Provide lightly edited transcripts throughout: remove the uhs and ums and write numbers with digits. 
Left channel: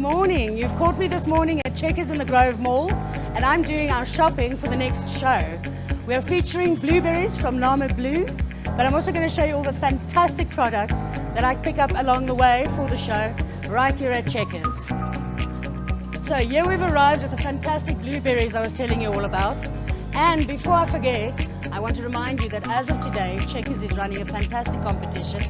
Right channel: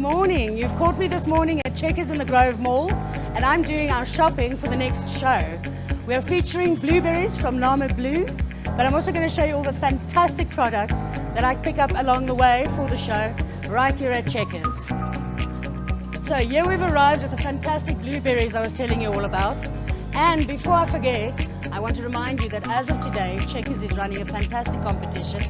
morning. You've caught me this morning at Checkers in the Grove Mall, and I'm doing our shopping for the next show. We are featuring blueberries from Namibia Blue, but I'm also going to show you all the fantastic products that I pick up along the way for the show right here at Checkers. So here we've arrived at the fantastic blueberries I was telling you all about. And before I forget, I want to remind you that as of today, Checkers is running a fantastic competition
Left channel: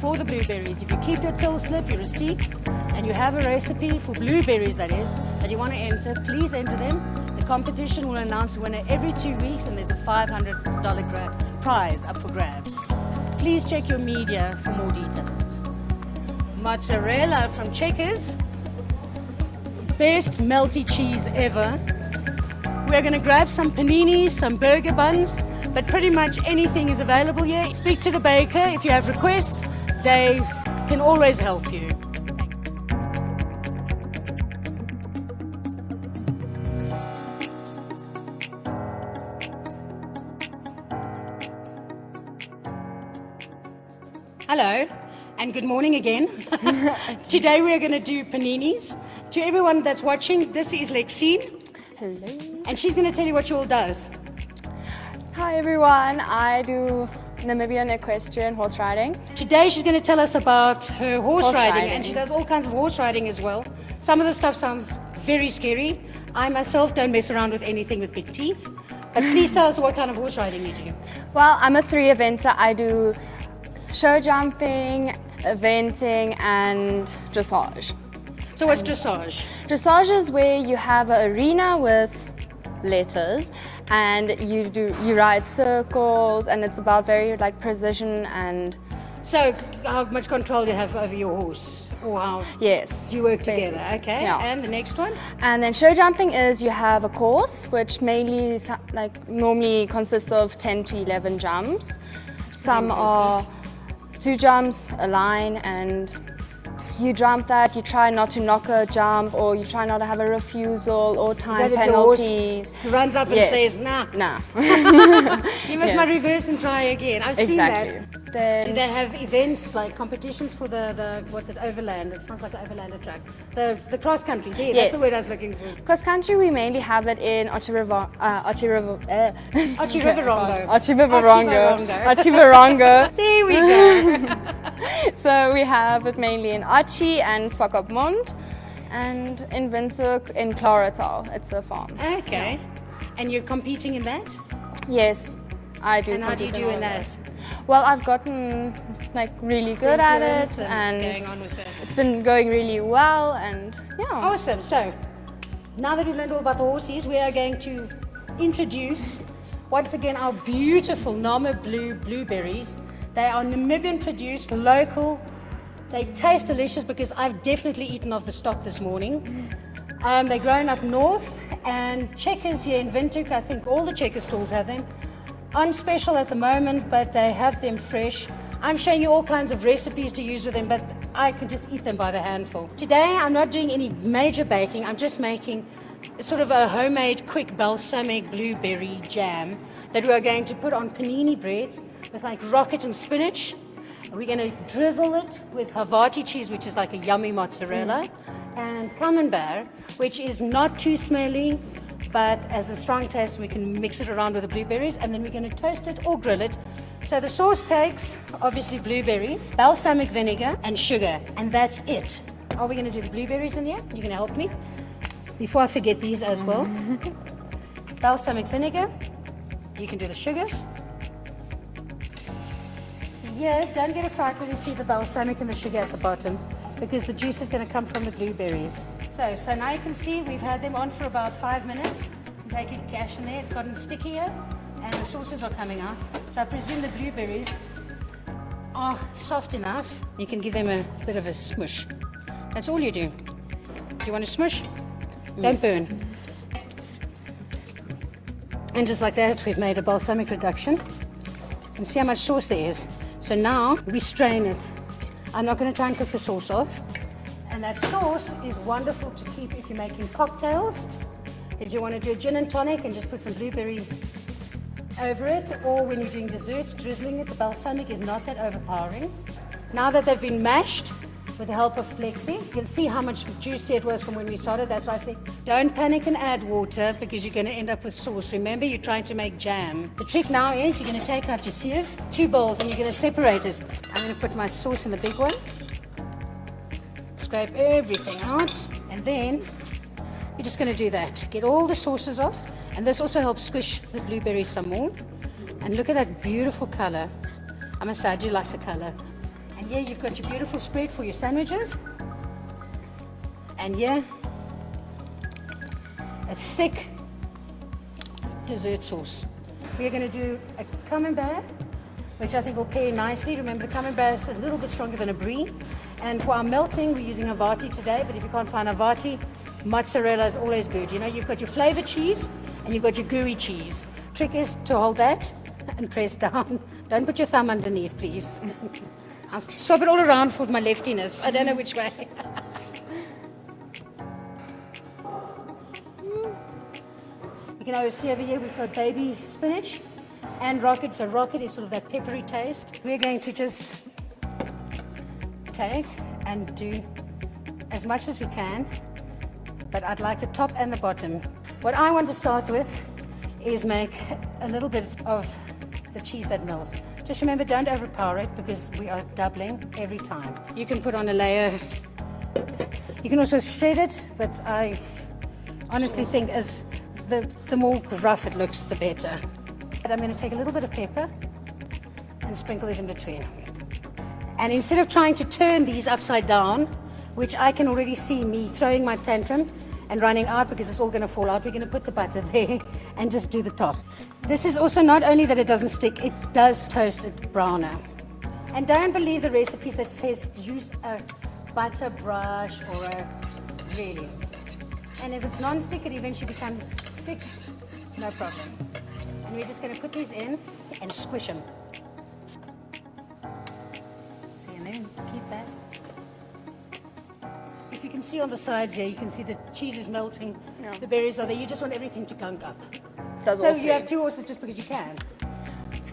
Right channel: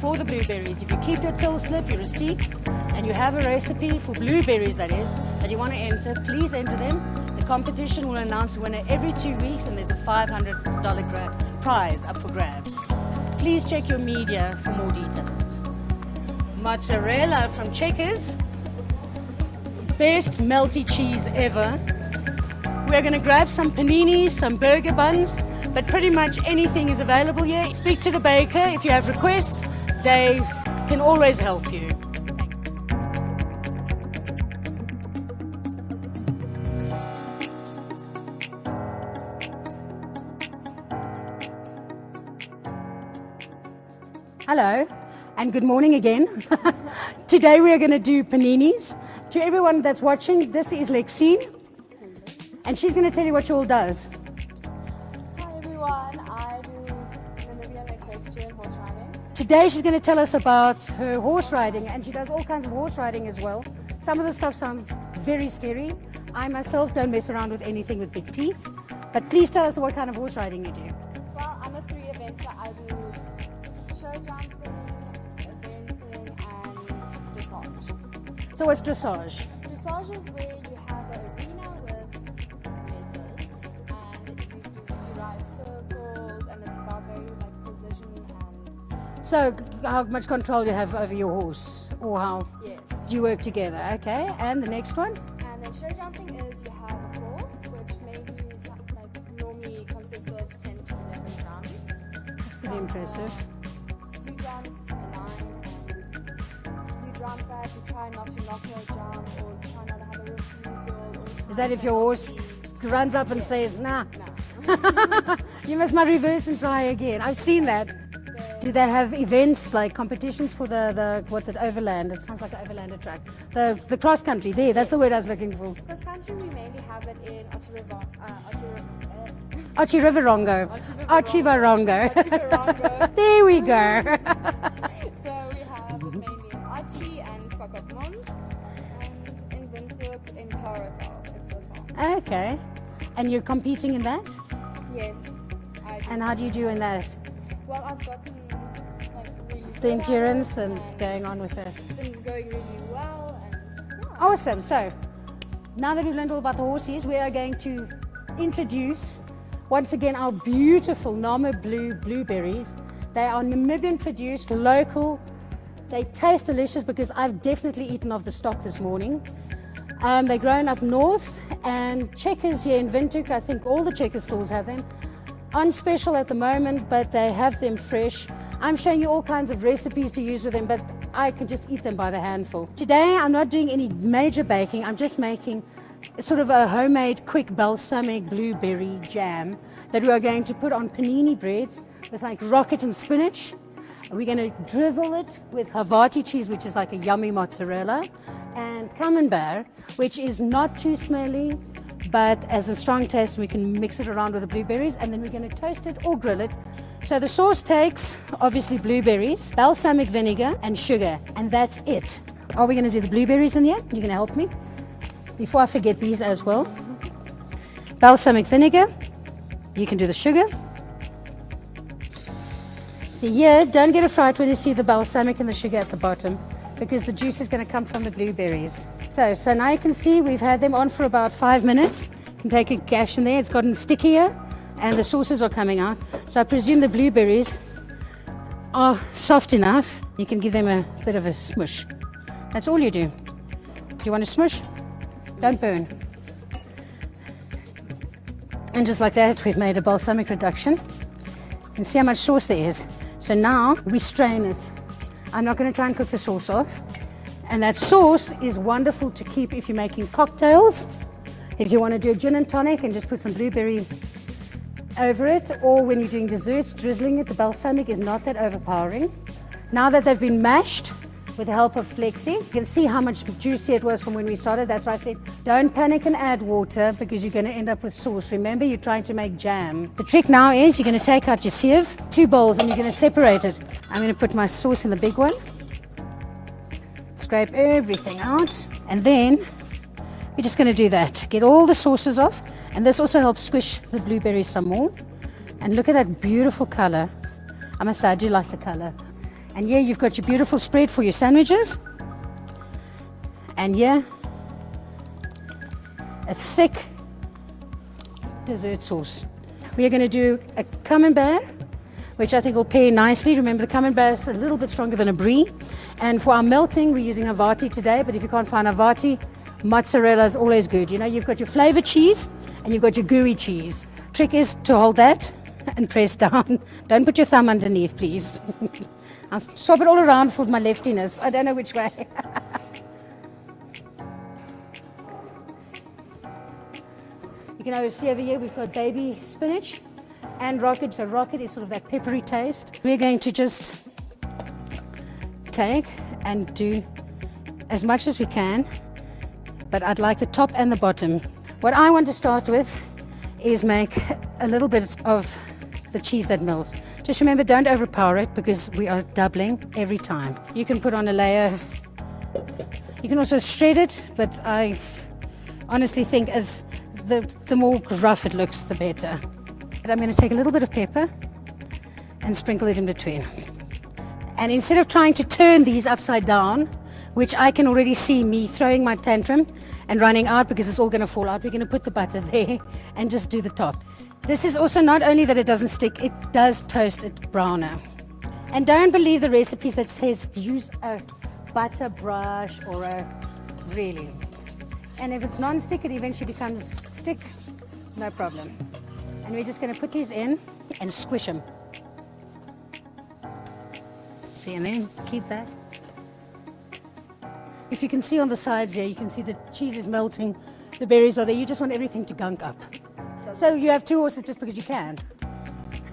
for the blueberries. If you keep your till slip, your receipt, and you have a recipe for blueberries, that is, that you want to enter, please enter them. The competition will announce the winner every 2 weeks, and there's a $500 prize up for grabs. Please check your media for more details. Mozzarella from Checkers. Best melty cheese ever. We're going to grab some paninis, some burger buns, but pretty much anything is available here. Speak to the baker if you have requests. They can always help you. Hello and good morning again. Today we are going to do paninis. To everyone that's watching, this is Lexine. Hello. And she's going to tell you what she all does. Hi everyone, I do Namibian Equestrian horse riding. Today she's going to tell us about her horse riding, riding, and she does all kinds of horse riding as well. Some of the stuff sounds very scary. I myself don't mess around with anything with big teeth, but please tell us what kind of horse riding you do. Well, I'm a 3-eventer. I do show jumping, eventing and dressage. So what's dressage? Dressage is where you have an arena with letters and you ride circles, and it's about very like precision. And so how much control do you have over your horse, or how yes, do you work together? Okay, yeah. And the next one? And then show jumping is you have a course which mainly normally consists of 10 to 11 jumps. Some are 2 jumps, a line, and you jump that, you try not to knock a jump, or you try not to have a refusal or time penalties. Is that penalties. If your horse runs up and Yes. says, nah. Nah. You must not reverse and try again. I've seen that. Then Do they have events like competitions for the what's it, overland? It sounds like an overlander track. The cross country, there, that's Yes. the word I was looking for. cross country, we mainly have it in Ochivivarongo. Ochivivarongo. There we go. So we have it mainly in Ochi and Swakopmund, and in Windhoek in Claratal. It's a farm. Okay. And you're competing in that? Yes, I do. And how do you do in that? Well, I've gotten like really The good at endurance it, and going on with it. it's been going really well, and yeah. Awesome. So now that we've learned all about the horses, we are going to introduce once again our beautiful Namibia Blue blueberries. They are Namibian produced, local. They taste delicious because I've definitely eaten off the stock this morning. They're grown up north, and Checkers here in Windhoek, I think all the Checkers stores have them. On special at the moment, but they have them fresh. I'm showing you all kinds of recipes to use with them, but I could just eat them by the handful. Today I'm not doing any major baking, I'm just making sort of a homemade quick balsamic blueberry jam that we're going to put on panini breads with like rocket and spinach. We're going to drizzle it with Havarti cheese, which is like a yummy mozzarella, and camembert, which is not too smelly, but as a strong taste we can mix it around with the blueberries, and then we're going to toast it or grill it. So the sauce takes obviously blueberries, balsamic vinegar and sugar, and that's it. Are we going to do the blueberries in here? You can help me before I forget these as well. Balsamic vinegar, you can do the sugar. See here, don't get a fright when you see the balsamic and the sugar at the bottom, because the juice is going to come from the blueberries. So now you can see we've had them on for about 5 minutes. You can take a gash in there, it's gotten stickier and the sauces are coming out. So I presume the blueberries are soft enough. You can give them a bit of a smush. That's all you do. You want to smush? Don't burn. And just like that, we've made a balsamic reduction. You can see how much sauce there is. So now we strain it. I'm not going to try and cook the sauce off. And that sauce is wonderful to keep if you're making cocktails. If you want to do a gin and tonic and just put some blueberry over it, or when you're doing desserts, drizzling it, the balsamic is not that overpowering. Now that they've been mashed, with the help of Lexine. You can see how much juicier it was from when we started. That's why I said don't panic and add water, because you're going to end up with sauce. Remember, you're trying to make jam. The trick now is you're going to take out your sieve, 2 bowls, and you're going to separate it. I'm going to put my sauce in the big one, scrape everything out, and then we're just going to do that. Get all the sauces off, and this also helps squish the blueberries some more. And look at that beautiful color. I must say, I do like the color. And here you've got your beautiful spread for your sandwiches. And here, a thick dessert sauce. We are going to do a camembert, which I think will pair nicely. Remember, the camembert is a little bit stronger than a brie. And for our melting, we're using Avati today, but if you can't find Avati, mozzarella is always good. You know, you've got your flavored cheese and you've got your gooey cheese. Trick is to hold that and press down. Don't put your thumb underneath, please. I'll swap it all around for my leftiness. I don't know which way. You can see over here we've got baby spinach and rocket. So rocket is sort of that peppery taste. We're going to just take and do as much as we can, but I'd like the top and the bottom. What I want to start with is make a little bit of the cheese that melts. Just remember, don't overpower it, because we are doubling every time. You can put on a layer. You can also shred it, but I honestly think as the more rough it looks, the better. But I'm going to take a little bit of pepper and sprinkle it in between. And instead of trying to turn these upside down, which I can already see me throwing my tantrum and running out because it's all going to fall out, we're going to put the butter there and just do the top. This is also not only that it doesn't stick, it does toast it browner. And don't believe the recipes that says use a butter brush or a really. And if it's non-stick, it eventually becomes stick, no problem. And we're just going to put these in and squish them. See, and then keep that. If you can see on the sides here, you can see the cheese is melting, the berries are there. You just want everything to gunk up. So you have 2 horses just because you can.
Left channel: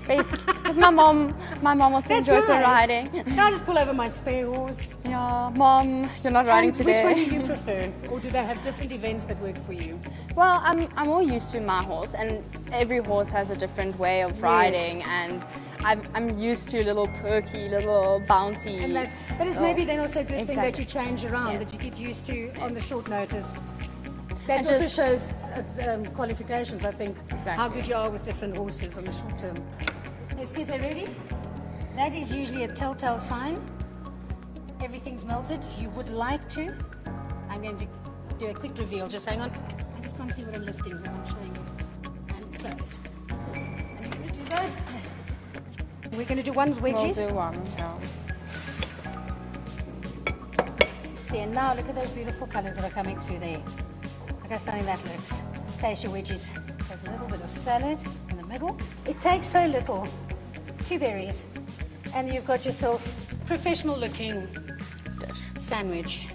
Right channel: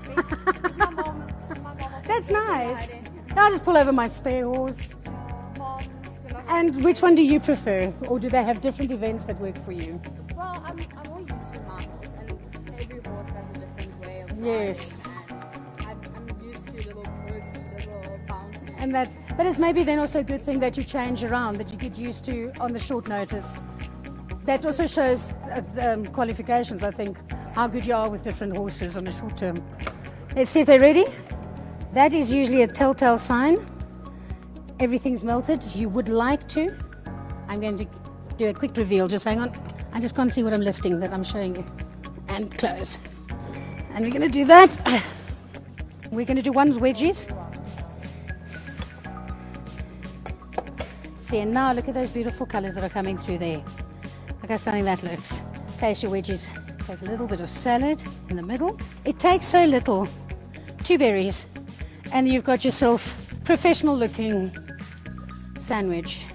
Basically, because my mom also enjoys the riding. I'll just pull over my spare horse. Yeah, Mom, you're not riding And today. which one do you prefer? Or do they have different events that work for you? Well, I'm more used to my horse, and every horse has a different way of riding, and I'm used to little perky, little bouncy. And but it's maybe then also a good thing that Exactly. you change around, that you get used to on the short notice. That also shows qualifications, I think, how good you are with different horses on the short term. Let's see if they're ready. That is usually a telltale sign. Everything's melted. You would like to. I'm going to do a quick reveal. Just hang on. I just can't see what I'm lifting that I'm showing you. And close. And we're going to do that. We're going to do one wedges. We'll do one, yeah. See, and now look at those beautiful colors that are coming through there. Look how stunning that looks. Place your wedges. Take a little bit of salad in the middle. It takes so little. 2 berries. And you've got yourself professional looking sandwich.